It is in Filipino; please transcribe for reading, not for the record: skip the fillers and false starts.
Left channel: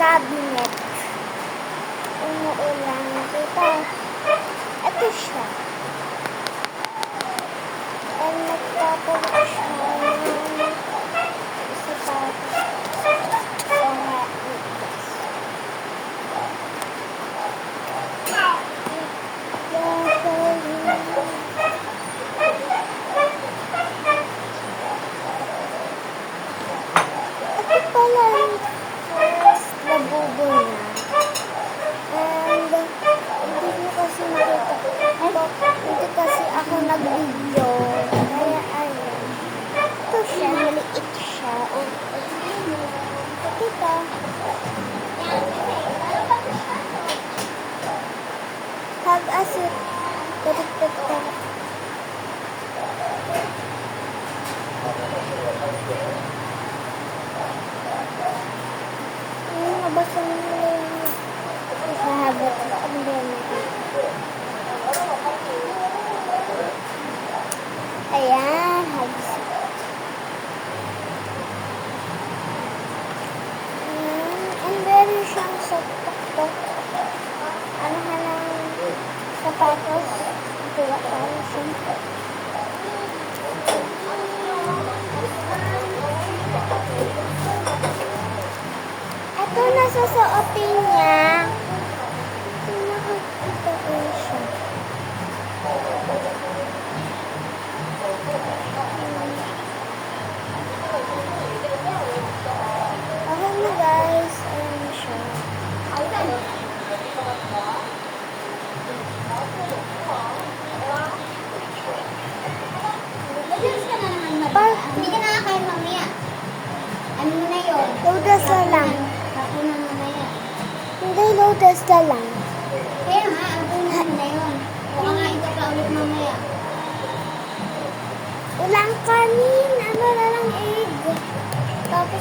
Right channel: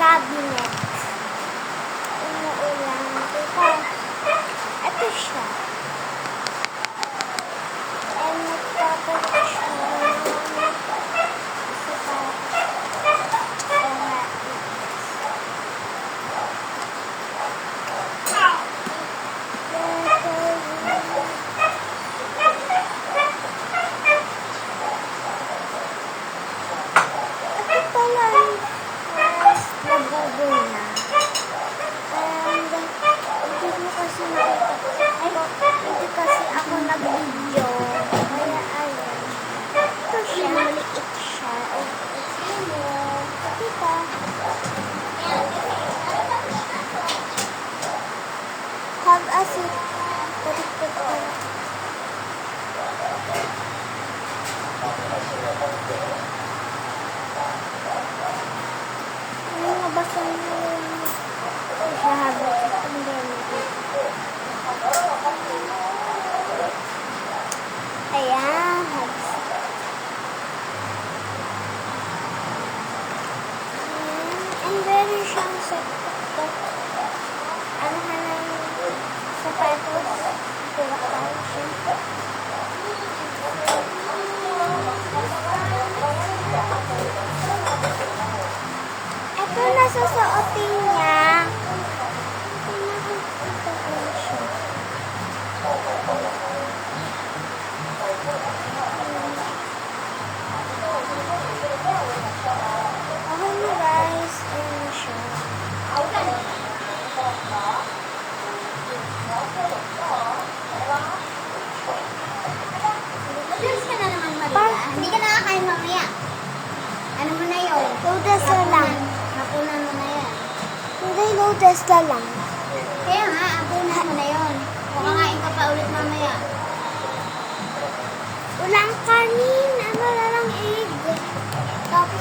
cabinet. Umuulan. Diba? Ito siya. And nagpapalit siya ng isa pa. O nga. Ito pala yung first labubo niya. And hindi mo kasi makita. Hindi kasi ako nag-video. Kaya ayan. Ito siya. Maliit siya. O, kita. Have a seat. Baliktad ka. Ay, mabasa na yung sahabat. Ang dami. Ayan, have a seat. Ayan, and meron siyang tok-tok. Ano ka ng sapatos? Kuha tayo siya. Ito nasusuotin niya. Pinakakita ko siya. Okay na guys. Ayan siya. Hindi ka nakakain mamaya. Ano mo na yun? Lotus na lang. Hapunan mo na yan. Hindi, lotus na lang. Kaya nga, hapunan mo na yun. Kumakain ka pa ulit mamaya. Walang kanin. Ano na lang egg. Tapos